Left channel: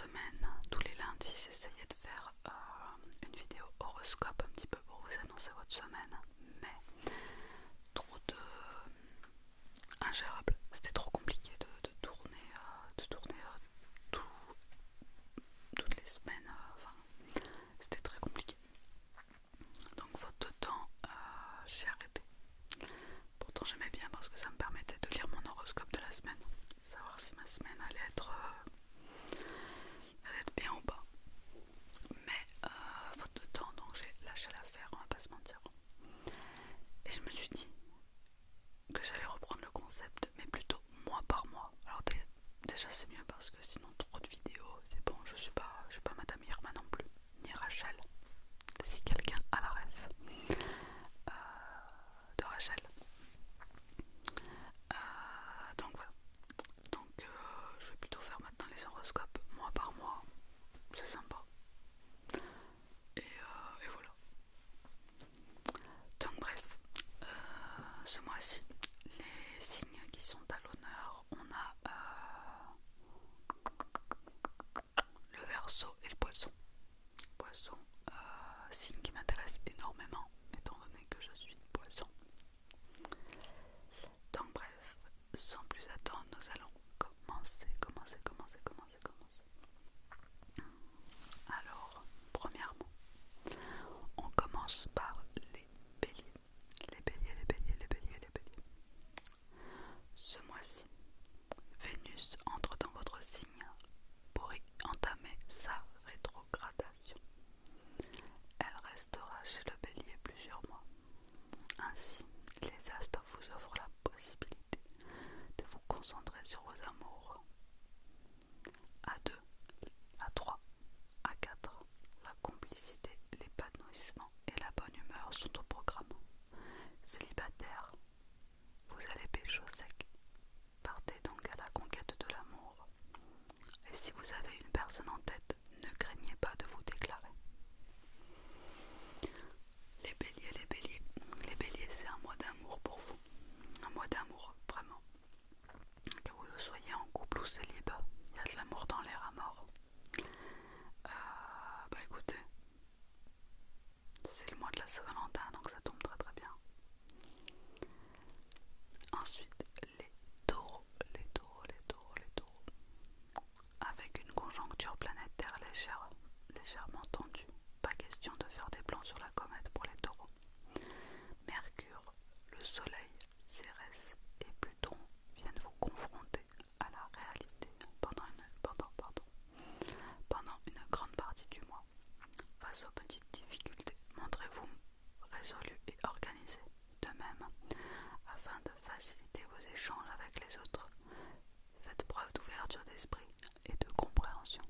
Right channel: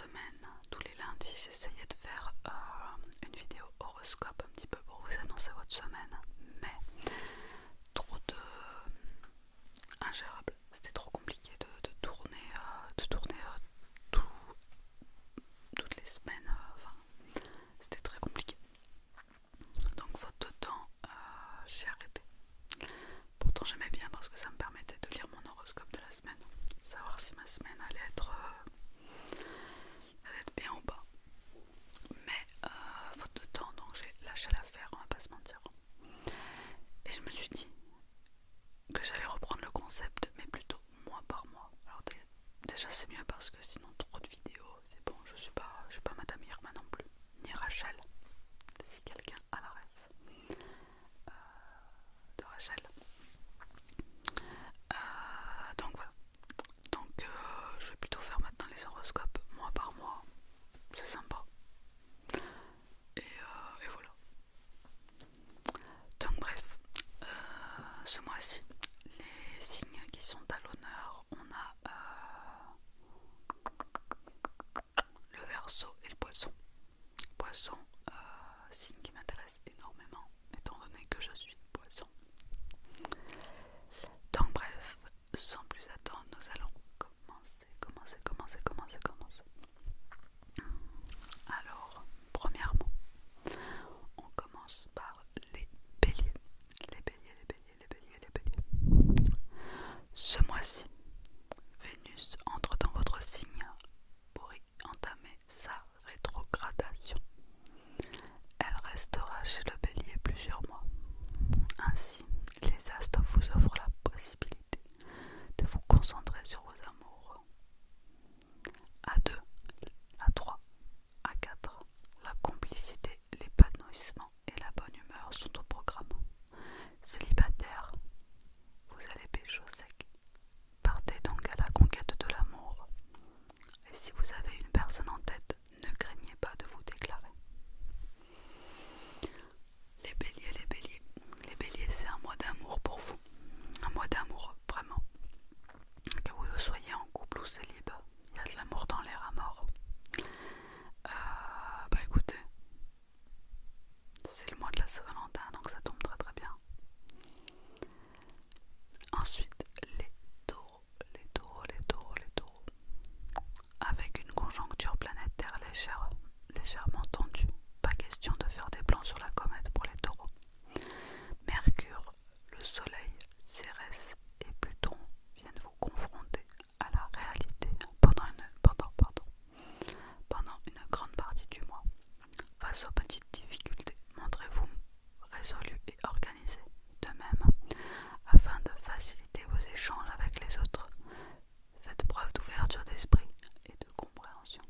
semaine, tous les lundis, j'essayais de faire une vidéo horoscope un petit peu pour vous annoncer votre semaine, mais trop de ingérable. C'était trop compliqué de tourner, toutes les semaines. Enfin, c'était très compliqué. Donc faute de temps, j'ai arrêté. Pourtant j'aimais bien parce que ça me permettait de lire mon horoscope de la semaine, savoir si ma semaine allait être bien ou pas. Mais faute de temps, donc j'ai lâché l'affaire, on va pas se mentir. Et je me suis dit que j'allais reprendre le concept, mais plutôt mois par mois. Alors déjà c'est mieux parce que sinon trop de vidéos, c'est bon, je suis pas Madame Irma non plus, ni Rachel, si quelqu'un a la ref de Rachel. Donc voilà. Donc je vais plutôt faire maintenant les horoscopes mois par mois. C'est sympa. Et voilà. Donc bref, ce mois-ci, les signes qui sont à l'honneur, on a le Verseau et le Poisson. Poisson, signe qui m'intéresse énormément, étant donné que je suis Poisson. Donc bref, sans plus attendre, nous allons commencer. Alors, premièrement, on commence par les béliers. Les béliers. Ce mois-ci, Vénus entre dans votre signe pour y entamer sa rétrogradation. Elle restera chez le bélier plusieurs mois. Ainsi, les astres vous offrent la possibilité de vous concentrer sur vos amours. À 2, à 3, à 4, la complicité, l'épanouissement et la bonne humeur sont au programme. Célibataire, vous allez pécho sec. Partez donc à la conquête de l'amour. Et si vous avez une personne en tête, ne craignez pas de vous déclarer. Les béliers, c'est un mois d'amour pour vous. Un mois d'amour, vraiment. Que vous soyez en couple ou célibat, il y a de l'amour dans l'air à mort. Bah écoutez, c'est le mois de la Saint-Valentin, donc ça tombe très très bien. Ensuite, les taureaux. Avec une conjoncture planétaire légèrement tendue, pas question de faire des plans sur la comète pour les taureaux. Mercure, le soleil, Cérès et Pluton viennent vous confronter à la réalité pendant une grande partie du mois. Face aux petites difficultés, montrez-vous résolu et organisé. De même, afin de faciliter vos échanges avec les autres, faites preuve d'ouverture d'esprit et de compréhension.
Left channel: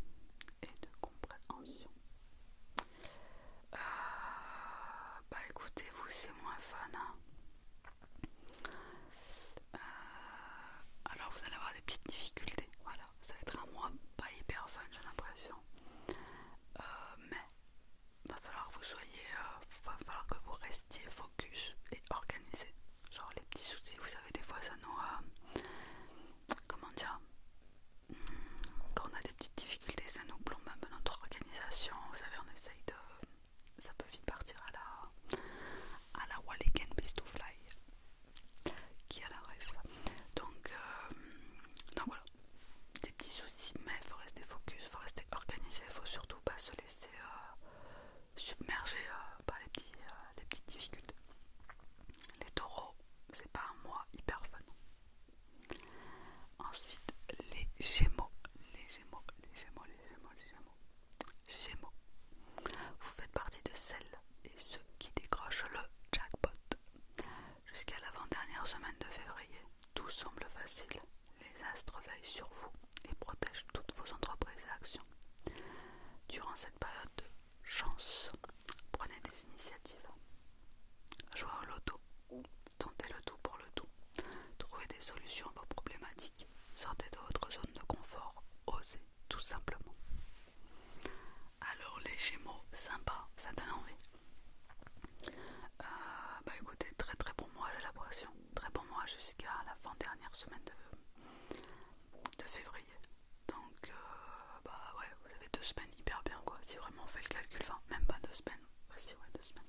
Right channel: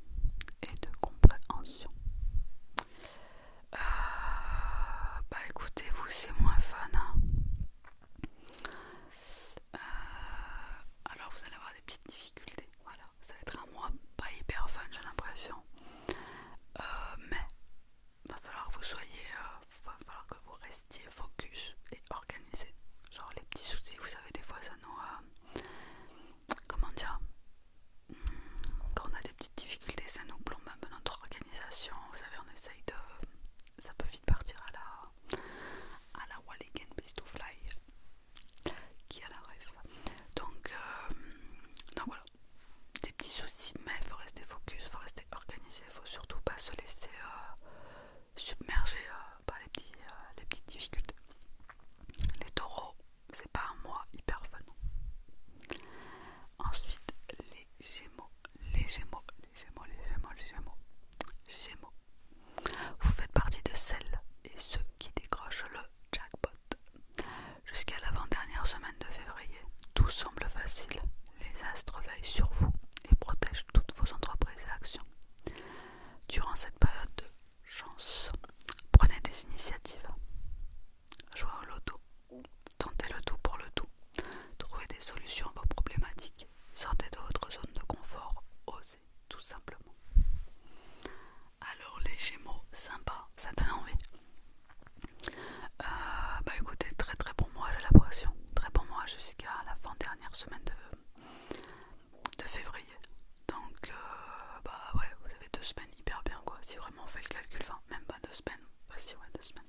si vraiment on fait le calcul, enfin même pas 2 semaines, bah si ouais 2 semaines.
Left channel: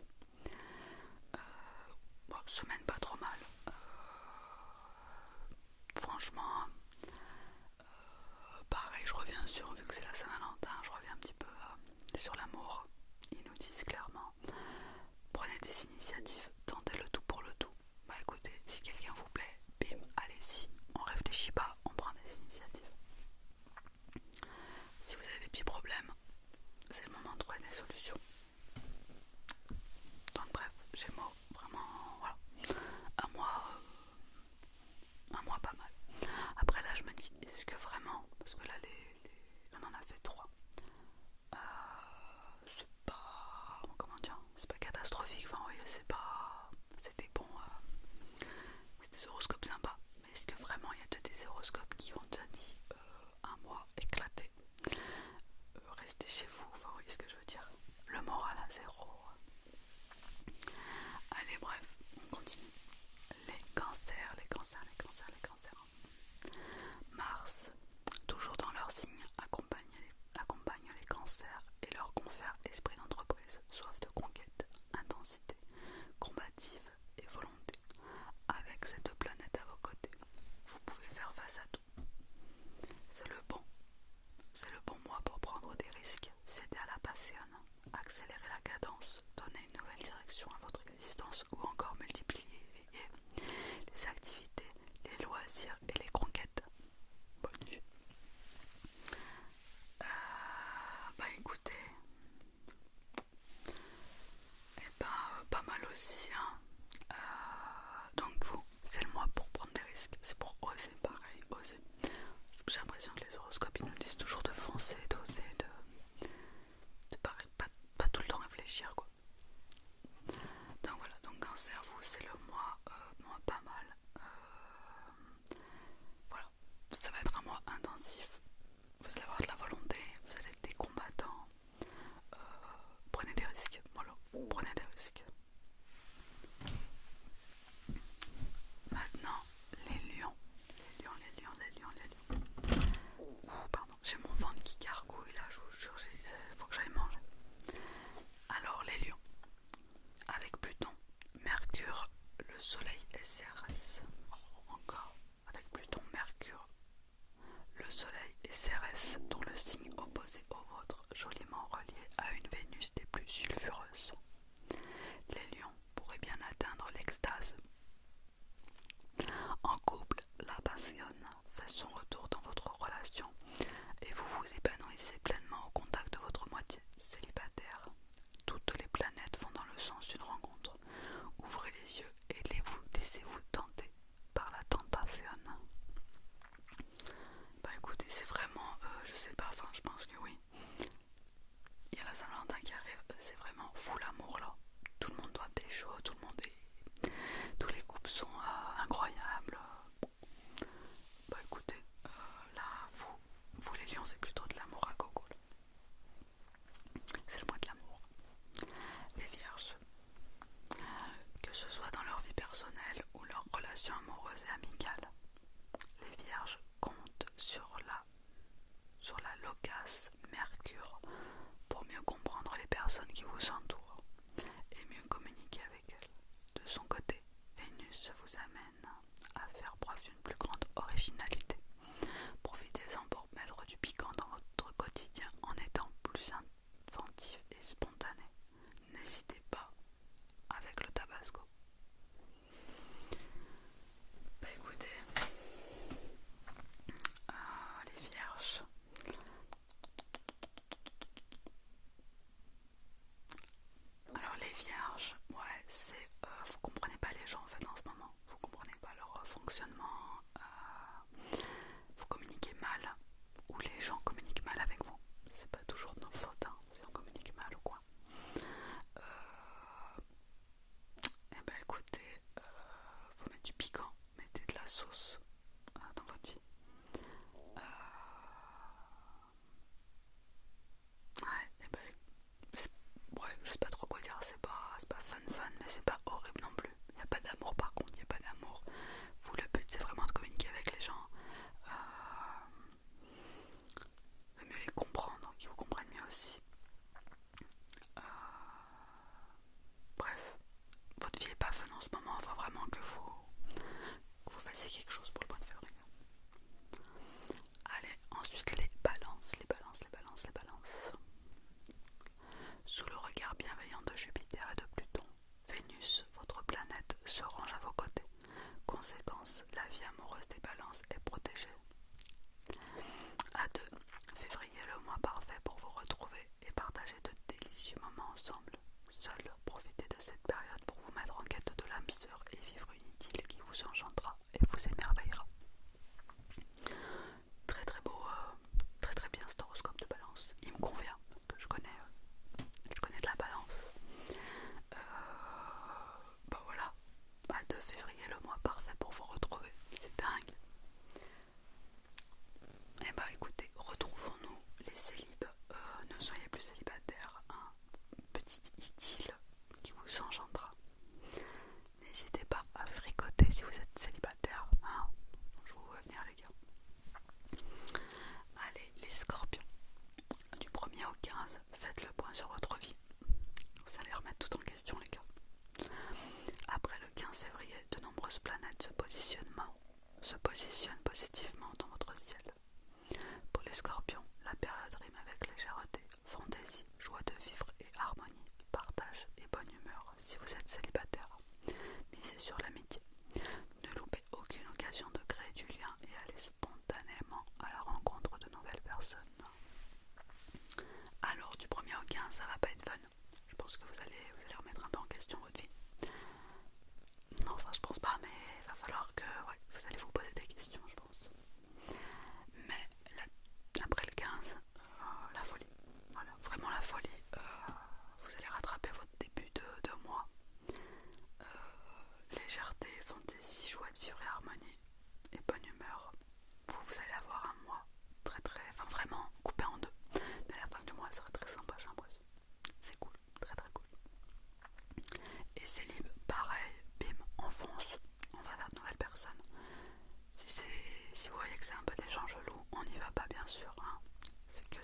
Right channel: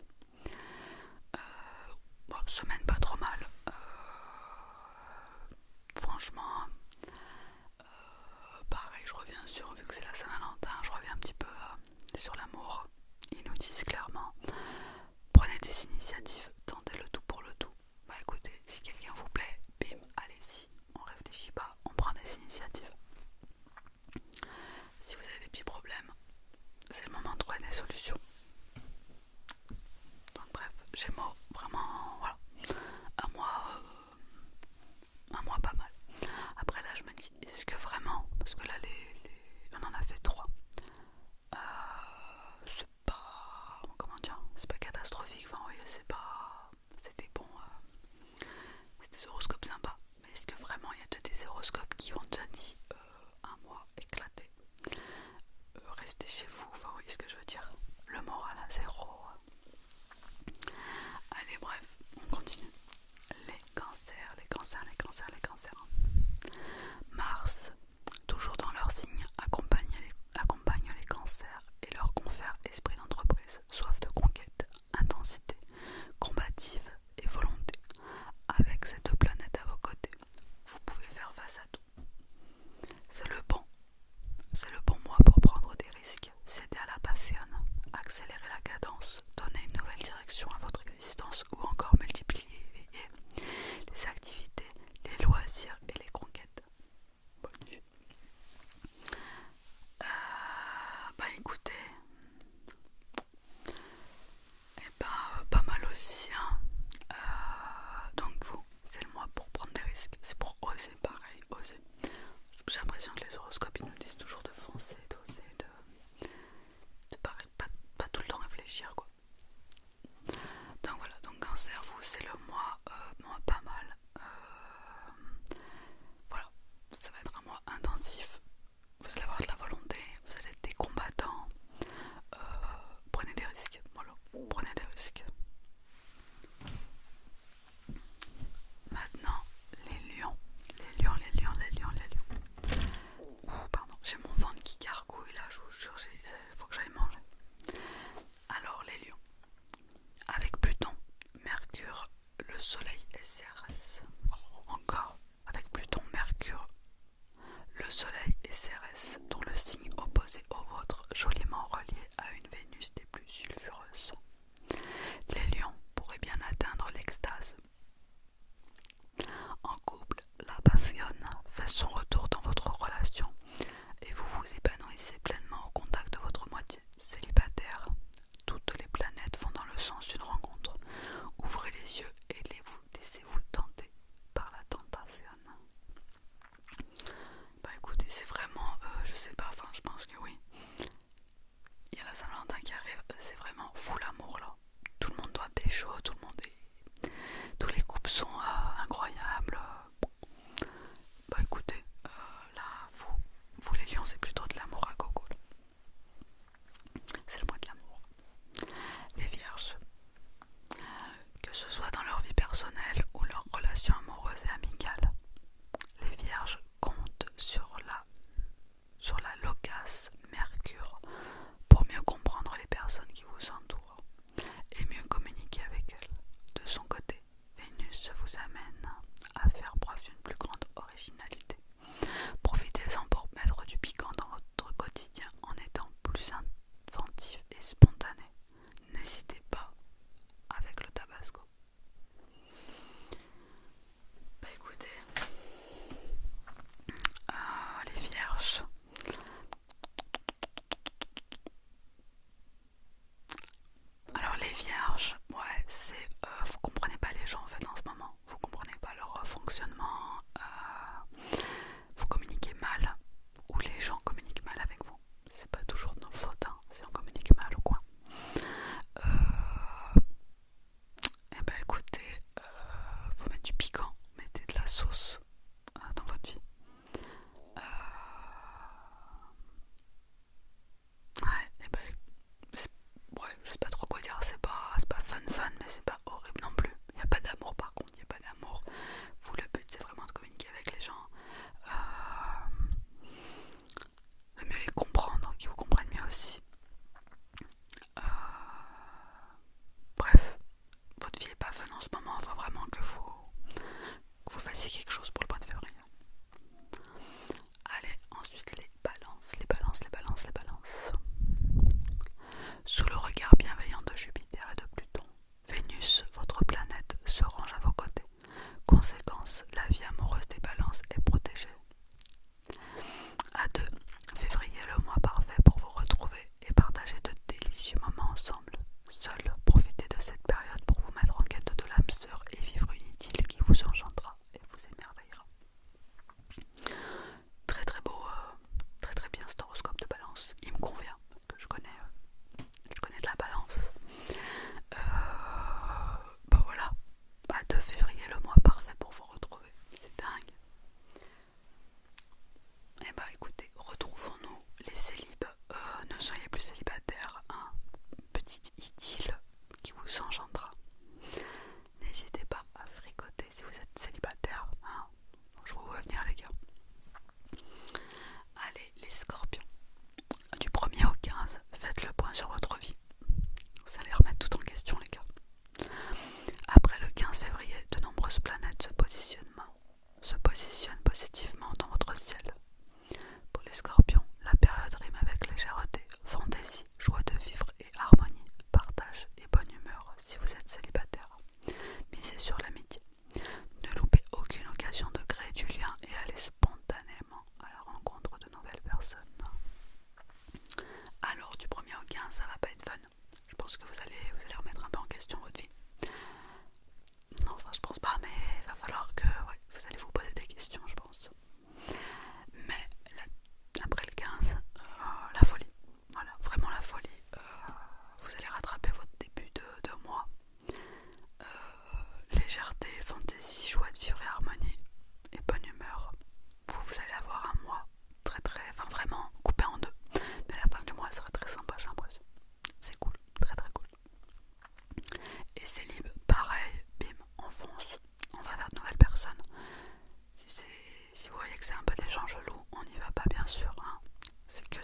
Bon, semaine pas trop mal. Franchement, pareil, je reviens sur, vu que c'est la Saint-Valentin, je reviens un petit peu sur l'amour. Ils nous disent clairement, prenez des initiatives, tentez le tout pour le tout. Bah écoutez, si quelqu'un vous plaît, bim, allez-y, on réfléchit pas, on prend des initiatives. Si vous avez des petits problèmes, c'est le moment de trouver des solutions. Donc bref, Gémeaux, vraiment, voilà, un mois pas mal. Après là je me dis, est-ce que vraiment, parce que là on en a fait 3, c'est pas, comment dire, c'est pas catastrophique, enfin oui, c'est pas, c'était bon, c'est des horoscopes sympas, mais est-ce que vraiment il y a déjà des horoscopes qui ont déjà dit un mois éclaté, restez chez vous, enfin vous voyez ce que je veux dire, le moral à zéro. Allez bref, on continue. Les cancers, les cancers, les cancers, les cancers. Mars, toujours dans leur signe, accompagne les cancers et leur confère esprit d'entreprise, soif de conquête, intensité, combative et volonté. Avec ces 2 planètes à vos côtés, vous pouvez faire face à tout. C'est le bon mois pour prendre des risques, céder à la passion, accélérer la cadence,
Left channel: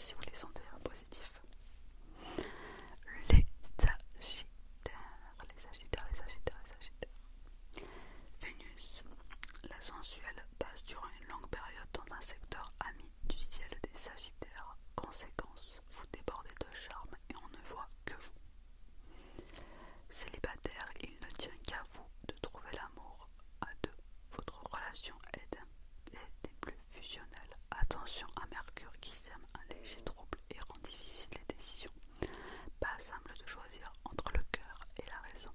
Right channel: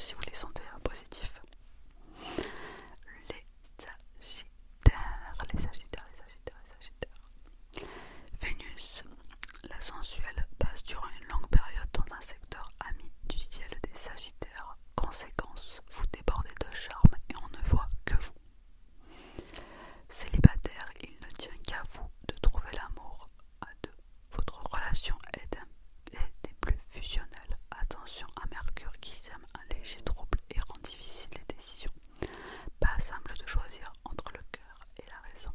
si vous les sentez positifs. Les Sagittaires, les Sagittaires, les Sagittaires, les Sagittaires. Vénus, la sensuelle, passe durant une longue période dans un secteur ami du ciel des Sagittaires. Conséquence, vous débordez de charme et on ne voit que vous. Célibataire, il ne tient qu'à vous de trouver l'amour à deux. Votre relation est des plus fusionnelles. Attention à Mercure qui sème un léger trouble et rend difficile les décisions. Pas simple de choisir entre le cœur et la raison.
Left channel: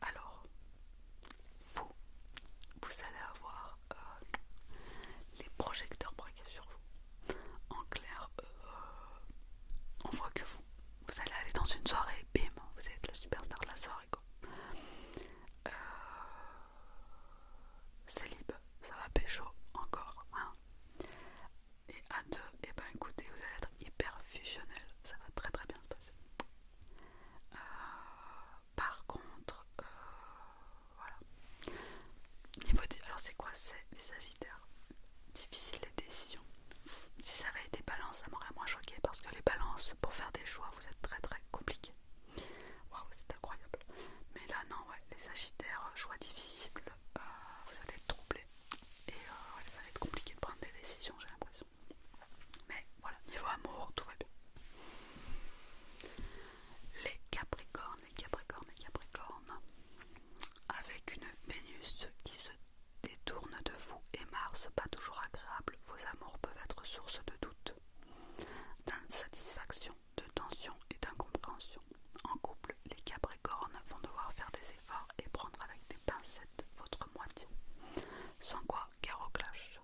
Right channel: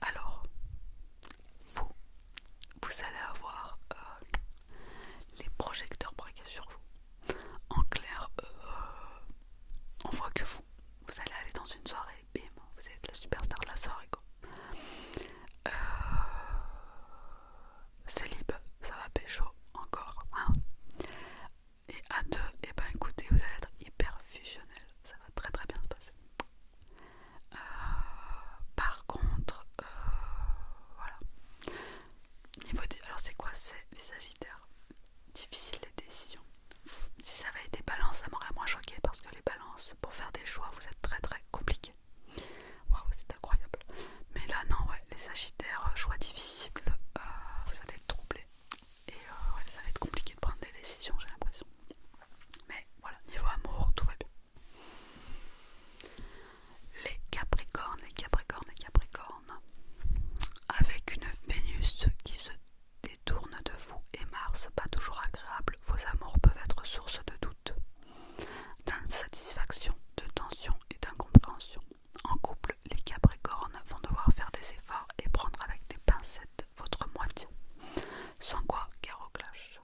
Alors, vous allez avoir les projecteurs braqués sur vous. En clair, on voit que vous allez aller dans une soirée, bim, vous êtes la superstar de la soirée quoi. Célib, ça va pécho encore, hein. Et à deux, et ben écoutez, vous allez être hyper fusionnel, ça va très très bien se passer. Par contre, voilà. Alors c'est quoi, c'est les Sagittaires? Difficile les décisions. Si ça avait été Balance, ça m'aurait moins choqué parce que les Balances, pour faire des choix, vous êtes très très compliqués. Waouh, c'est incroyable. Mais là, non, ouais, les Sagittaires, choix difficiles, vous allez être troublés. Et ouais, ça va être compliqué de prendre des décisions, j'ai l'impression. Mais voilà, niveau amour, tout va bien. Les Capricornes, les Capricornes, les Capricornes. Avec une Vénus qui se détourne de vous et Mars, pas toujours agréable, vos amours peuvent être source de doute, d'insatisfaction, de tension et d'incompréhension. En couple, les Capricornes vont devoir faire des efforts et prendre avec des pincettes votre moitié, sans quoi guerre au clash.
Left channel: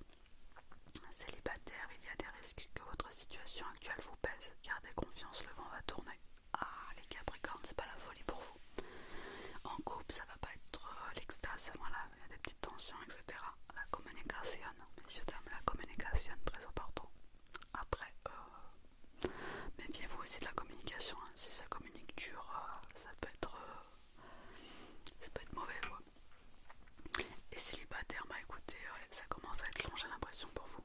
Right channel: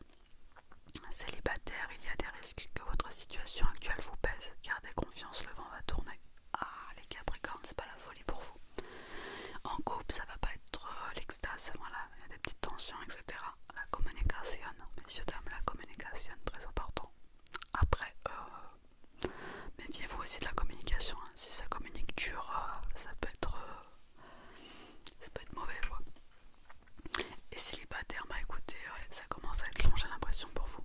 Célibataire, il y a des risques que votre situation actuelle vous pèse. Gardez confiance, le vent va tourner. Ah, les Capricornes, c'est pas la folie pour vous. En couple, ça va pas être l'extase, voilà, il y a des petites tensions, etc. La communication, messieurs, dames, la communication, très important. Après, méfiez-vous aussi de la communication, hein. Si ça communique dur, ça peut être mauvais, quoi. Et célibataire, bah écoutez, ouais, ça commence à être long, j'ai l'impression pour vous.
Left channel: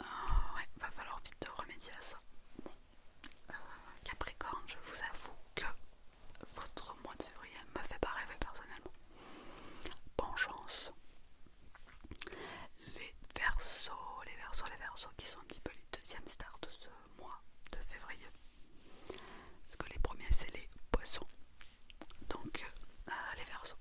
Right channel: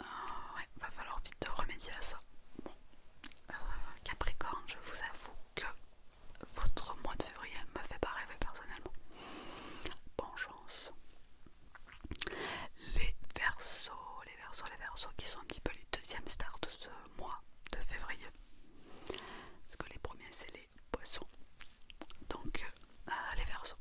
Ouais, va falloir vite remédier à ça. Bon. Capricorne, je vous avoue que votre mois de février me fait pas rêver personnellement. Bonne chance. Les Verseaux, les Verseaux, les Verseaux qui sont un petit peu les deuxièmes stars de ce mois de février. Parce que les premiers c'est les Poissons. Donc les Verseaux.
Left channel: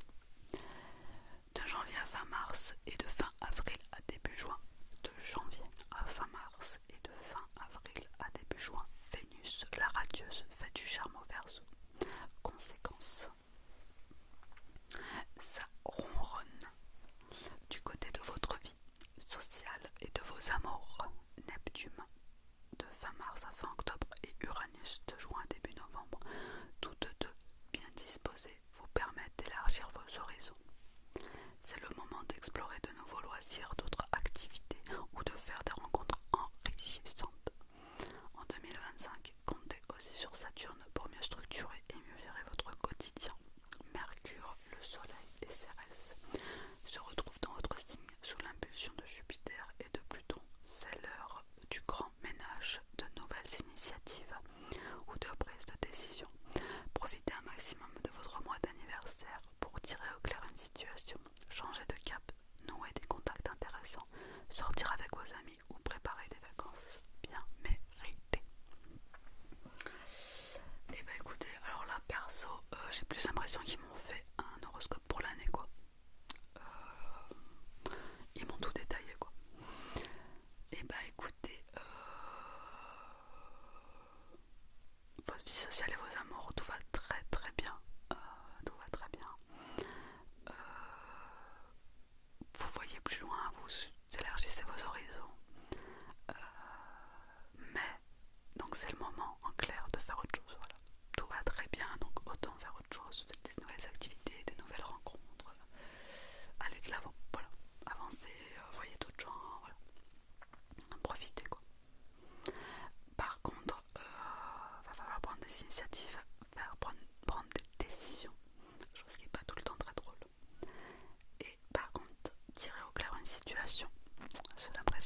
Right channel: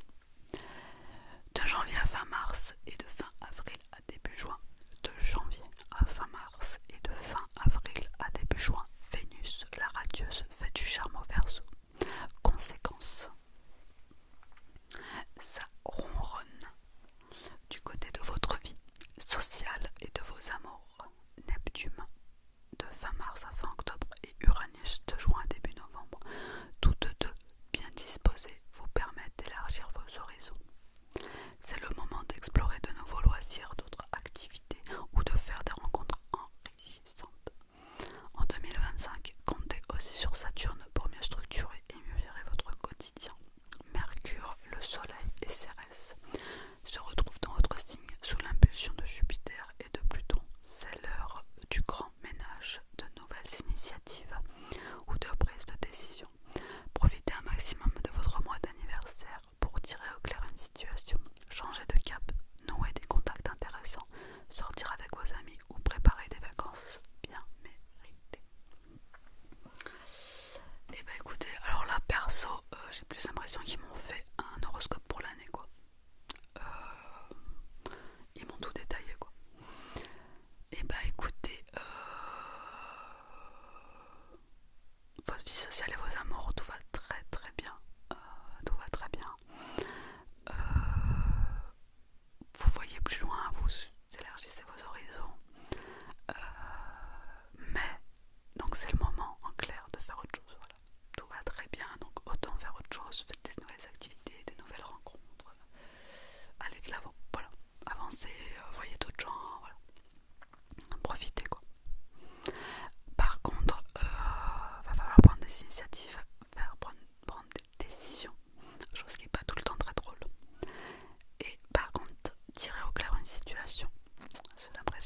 De janvier à fin mars et de fin avril à début juin. De janvier à fin mars et de fin avril à début juin. Vénus, la radieuse, fait du charme au Verseau. Conséquence, ça ronronne du côté de votre vie sociale et de vos amours. Neptune de fin mars à fin octobre et Uranus de juin à début novembre, toutes deux bien disposées, vous permettent d'élargir vos horizons. C'est le moment d'explorer de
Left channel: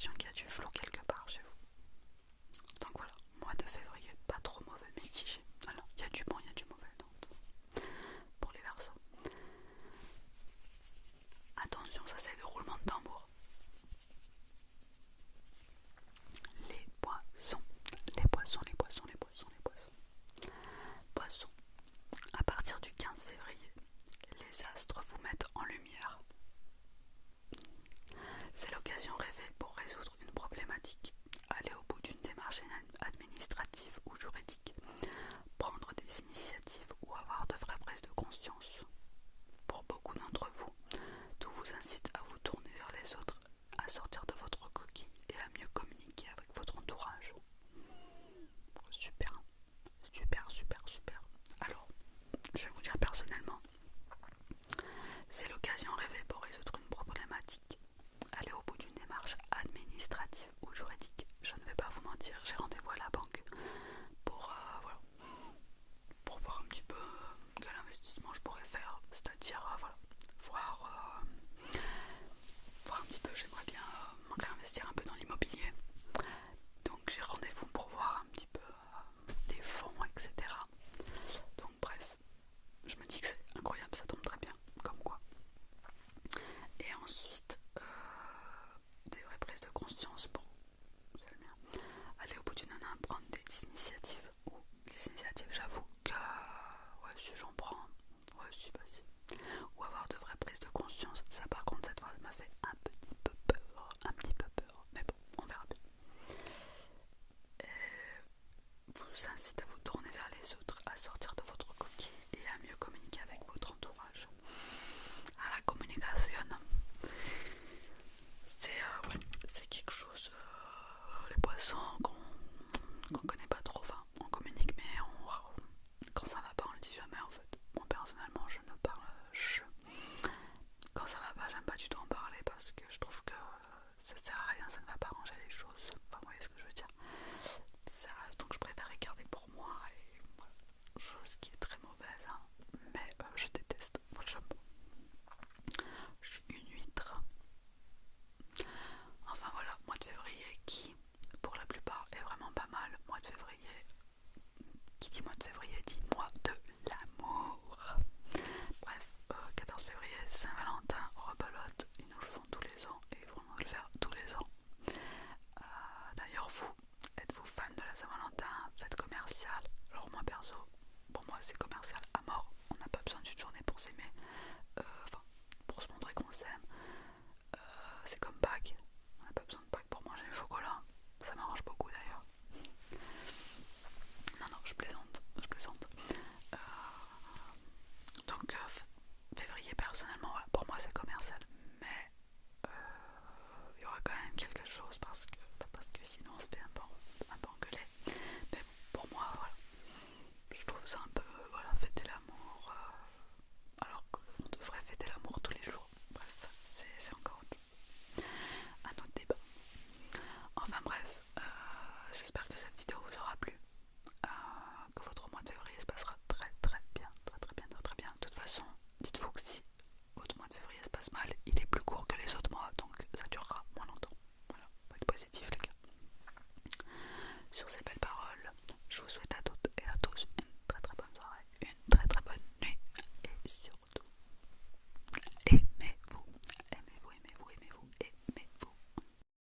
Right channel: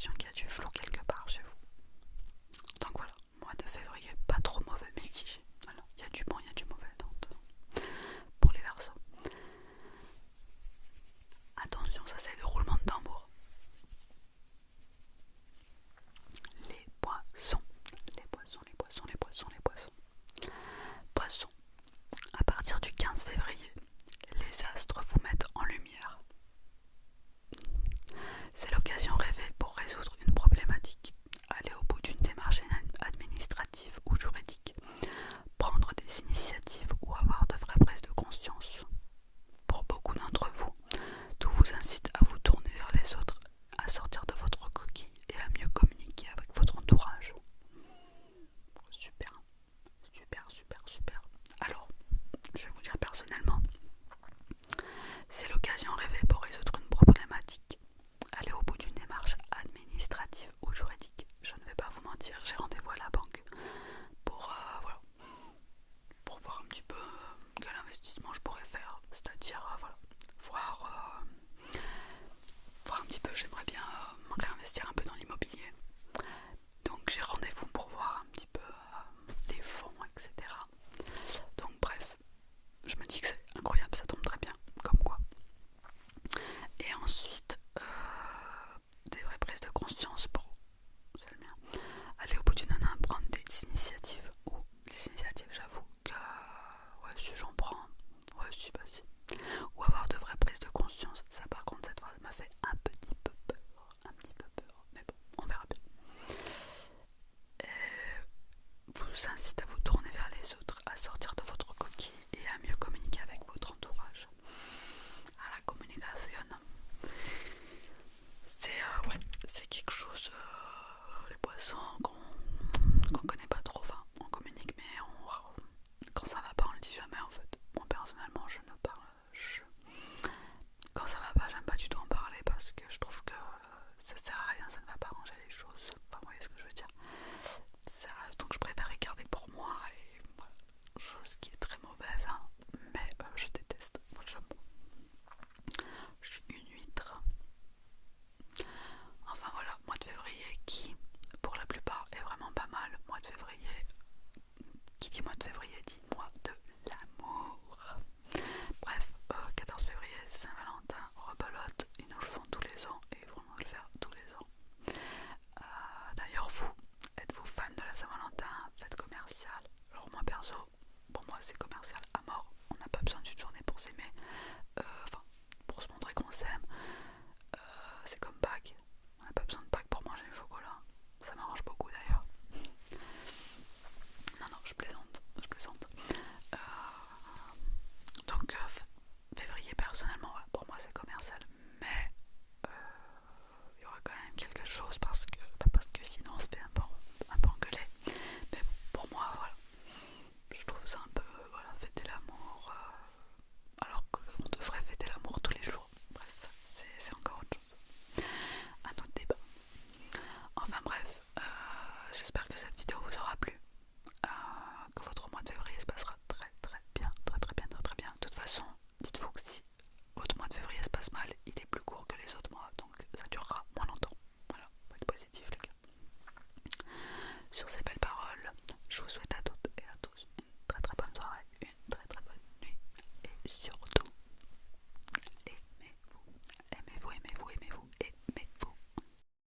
l'impression qu'il y a du flou quelque part chez vous. Donc voilà, mois de février, pas trop mauvais, mitigé. Voilà, il y a du bon, il y a du mauvais pour les Verseaux. Attention, ça c'est le roulement de tambour. Les poissons, les poissons, les poissons, les poissons, les poissons. Poissons, à partir du 15 février, les astres vous mettent en lumière. C'est l'occasion rêvée pour résoudre une problématique, aller au bout d'une démarche administrative ou juridique, prendre des initiatives ou avoir de vraies prises de conscience. Pour beaucoup d'entre vous, tout vous incite à vous tourner vers les autres, à sortir de votre coquille et à mieux communiquer avec votre entourage. Super, super, super, super. Alors, je vais vous dire personnellement, c'est l'occasion rêvée pour résoudre une problématique, aller au bout d'une démarche administrative ou juridique. Je ne vais pas vous mentir, j'ai rendez-vous à la banque pour, voilà, pour voir un petit peu quel investissement je pourrais faire, c'est-à-dire voilà, voir un petit peu, j'aimerais bien réinvestir un peu dans l'immobilier. Donc j'ai rendez-vous pour voir un petit peu les fonds, etc. Donc bref, je me dis que c'est incroyable, ça tombe très bien, comme quoi. Et ensuite, des vraies prises de conscience pour, c'est le mien, aller au bout du nanan, prendre des initiatives. Ou des initiatives, j'avoue que, ouais, si j'en prends, ouais, si, bah si. Ou avoir de vraies prises de conscience, ça par contre, cette phrase m'a fait un petit peu peur, mais bon, on verra bien. Vous incite à vous tourner vers les autres, à sortir de votre coquille et à mieux communiquer avec votre entourage. À la communication, ouais, c'est quelque chose, les poissons qu'on connaît pas trop, enfin on communique mais quand ça va pas on le dit jamais en fait. Moi personnellement je ne parle, quand ça va pas j'aime pas du tout en parler parce que je trouve que ça sert à rien, ça ne va pas arranger les choses, enfin vous voyez ce que je veux dire. Donc je préfère les garder pour moi et voilà, chose qui est très mauvaise hein, mais je déteste, moi je suis une huître. Enfin voilà, mois de février qui pour la plupart est vraiment pas mal. Mois de février, qui dit mois de février dit mois de l'amour. Bref, 14 février, Saint-Valentin, rebelote, ils nous le font tous les ans et ils vont nous le faire tous les ans. D'ailleurs vous, êtes-vous fan de la Saint-Valentin, fête commerciale? Alors moi perso, pour moi c'est commercial à mort, on n'a pas besoin d'une journée pour s'aimer, enfin pour se montrer qu'on s'aime. C'est comme